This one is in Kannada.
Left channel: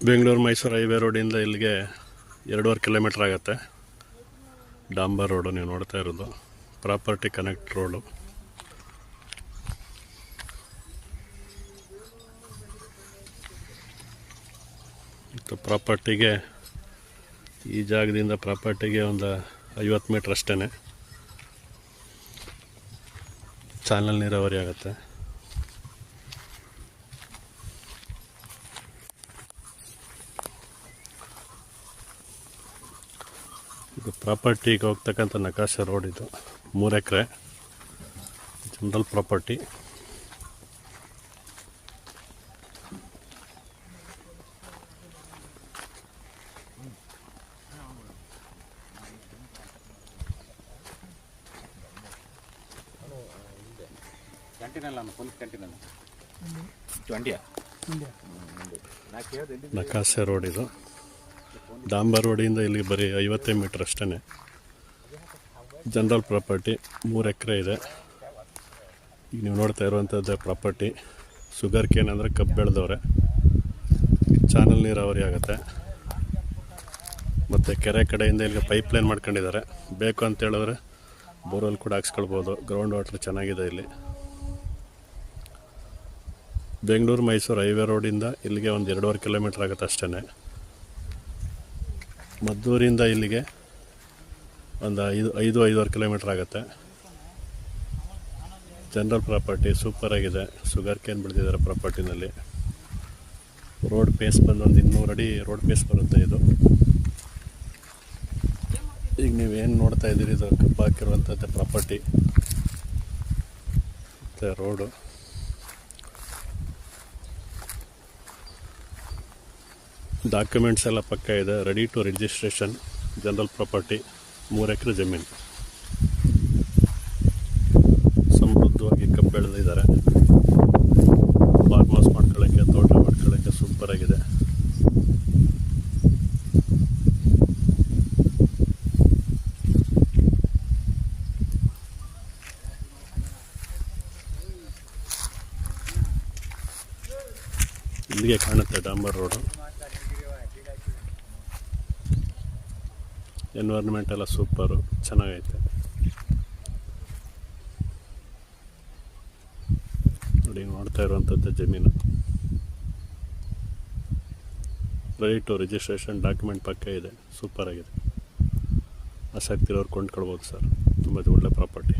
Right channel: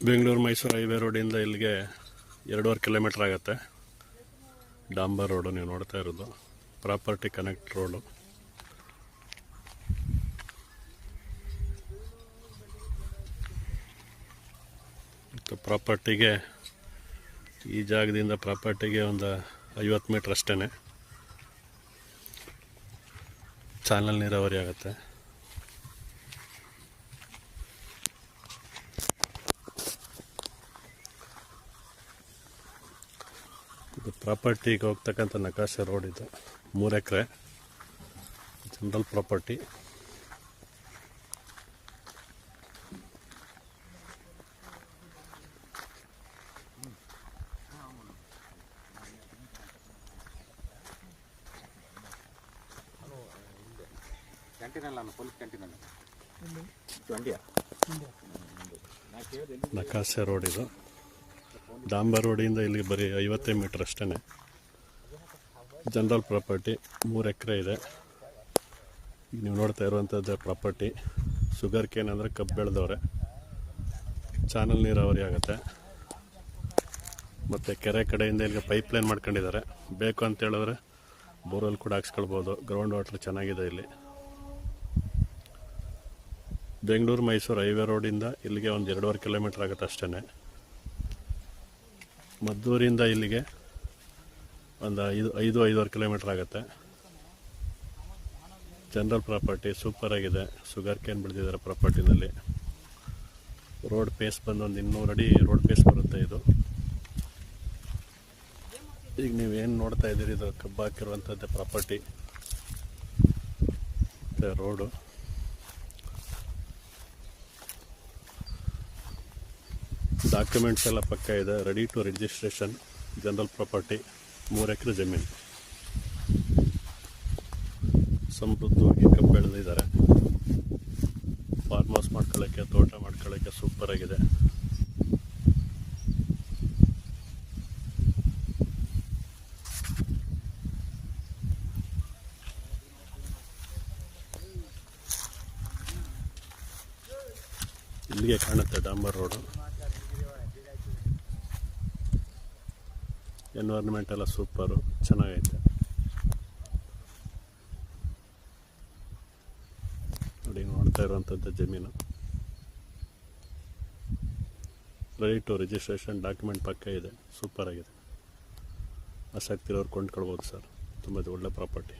ಬೆಂಗಳೂರು ಮೈಸೂರು ಹೈವೇ ರೋಡಿಂದ ಇಲ್ಲಿಗೆ 2.5 ಕಿಲೋಮೀಟ್ರ್ ಆಗುತ್ತೆ. ಡಾಂಬರ್ ರೋಡು ನೀವು ನೋಡ್ತಾ ಇರೋದು, ಪ್ರಾಪರ್ಟಿ ಕನೆಕ್ಟ್ ರೋಡು. ಮತ್ತು ಪ್ರಾಪರ್ಟಿಗೆ ಈ ಜಾಗದಿಂದ ಪ್ರಾಪರ್ಟಿಗೆ ಒಂದು 50 ಮೀಟ್ರ್ ಅಷ್ಟೇ ಚಾನಲ್ ನೀರಾವರಿ ಆಗುತ್ತೆ. ಇದು ಪ್ರಾಪರ್ಟಿಗೆ ಹೋಗ್ತಕ್ಕಂಥ ನಕಾಶೆ ರೋಡ್. ಇದು 3 ಎಕರೆ ಜನರಲ್ ಪ್ರಾಪರ್ಟಿ. ನಕಾಶೆ ರೋಡ್ ಇದು. ಡಾಂಬರ್ ರೋಡಿಂದ ಇಲ್ಲಿ ಬರೀ 50 ಮೀಟ್ರ್ ಅಷ್ಟೇ. ಜನರಲ್ ಪ್ರಾಪರ್ಟಿ 3 ಎಕರೆ ಇದೆ. ಈಗ ನೀವು ನೋಡ್ತಾ ಇರುವಂಥದ್ದೇ ಪ್ರಾಪರ್ಟಿ. ಶುಗರ್ ಕೇನ್ ಅಂದರೆ ಕಬ್ಬು ಬೆಳೆದವ್ರೆ. ಚಾನಲ್ ನೀರಾವರಿ ಆಗುತ್ತೆ. ಮತ್ತು ಕೆರೆ ಕಡೆಯಿಂದ ಇಲ್ಲಿ ಪೈಪ್ಲೈನ್ ಮಾಡ್ಕೊಂಡಿದ್ದಾರೆ. ಬೇಕು ಅಂತ ಹೇಳಿದ್ರೆ ಬೋರ್ವೆಲ್ ಕೂಡ ಹಾಕ್ಸ್ಕೊಳ್ಬೋದು. ಗ್ರೌಂಡ್ ವಾಟರ್ ಚೆನ್ನಾಗಿದೆ ಇಲ್ಲಿ. ಬೆಂಗಳೂರು ಮೈಸೂರು ಹೈವೇ ರೋಡಿಂದ ಇಲ್ಲಿಗೆ ಒಂದು 2.5 ಕಿಲೋಮೀಟ್ರ್ ಆಗುತ್ತೆ ಅಷ್ಟೇ. ಮದ್ದೂರಿಂದ ಇಲ್ಲಿಗೆ ಒಂದು 5-5.5 ಕಿಲೋಮೀಟ್ರ್ ಆಗುತ್ತೆ. ಜನರಲ್ ಪ್ರಾಪರ್ಟಿ ಸೂಪರ್ ಆಗಿದೆ. ಶುಗರ್ ಕೇನ್ ಬೆಳೆದಿದ್ದಾರೆ ಪ್ರಾಪರ್ಟಿನಲ್ಲಿ. ರೋಡ್ ಪೇಸ್ ಬಂದು ಒಂದು 200 ಅಡಿ ರೋಡ್ ಪೇಸ್ ಬರುತ್ತೆ ಇದು. ಈಗ ನೀವೇನು ನೋಡ್ತಾ ಇದ್ದೀರಿ ಇದು ಕಬ್ಬು ಹಾಕಿರುವಂಥದ್ದು ಪ್ರಾಪರ್ಟಿ ಮತ್ತು ರೋಡು. ಡಾಕ್ಯುಮೆಂಟ್ಸ್ ಎಲ್ಲ ಪಕ್ಕ ಇದೆ. Ready to registration. General property 3 ಎಕರೆ ಜಮೀನು. ಸಮೃದ್ಧವಾಗಿ ಕಬ್ಬು ಬೆಳೆದಿದ್ದಾರೆ. ಫಾರ್ಮ್ ಹೌಸ್ ಮಾಡ್ಕೊಳ್ಳೋಕ್ಕೆ, ತೋಟ ಮಾಡ್ಕೊಳ್ಳೋಕ್ಕೆ ಸೂಪರ್ ಆಗಿದೆ. ಇಲ್ಲಿಗೆ ಕಾಣುತ್ತೆ ಡಾಂಬರ್ ರೋಡು. ಎನ್ವೈರ್ಮೆಂಟ್ ಎಲ್ಲ ಸೂಪರು, ಚೆನ್ನಾಗೈತೆ ನೋಡಿ. ನೋಡ್ತಾ ಇರುವಂಥದ್ದು ಜಮೀನು. Ready to registration. ಡಾಕ್ಯುಮೆಂಟ್ ಪಕ್ಕ ಇದೆ. ಸೂಪರ್ ಆಗಿದೆ. ಆಸಕ್ತಿ ಇರೋರು ಕೊಂಡ್ಕೊಳ್ಬೋದು ಸರ್. ತುಂಬ ಒಳ್ಳೆ ಪ್ರಾಪರ್ಟಿ.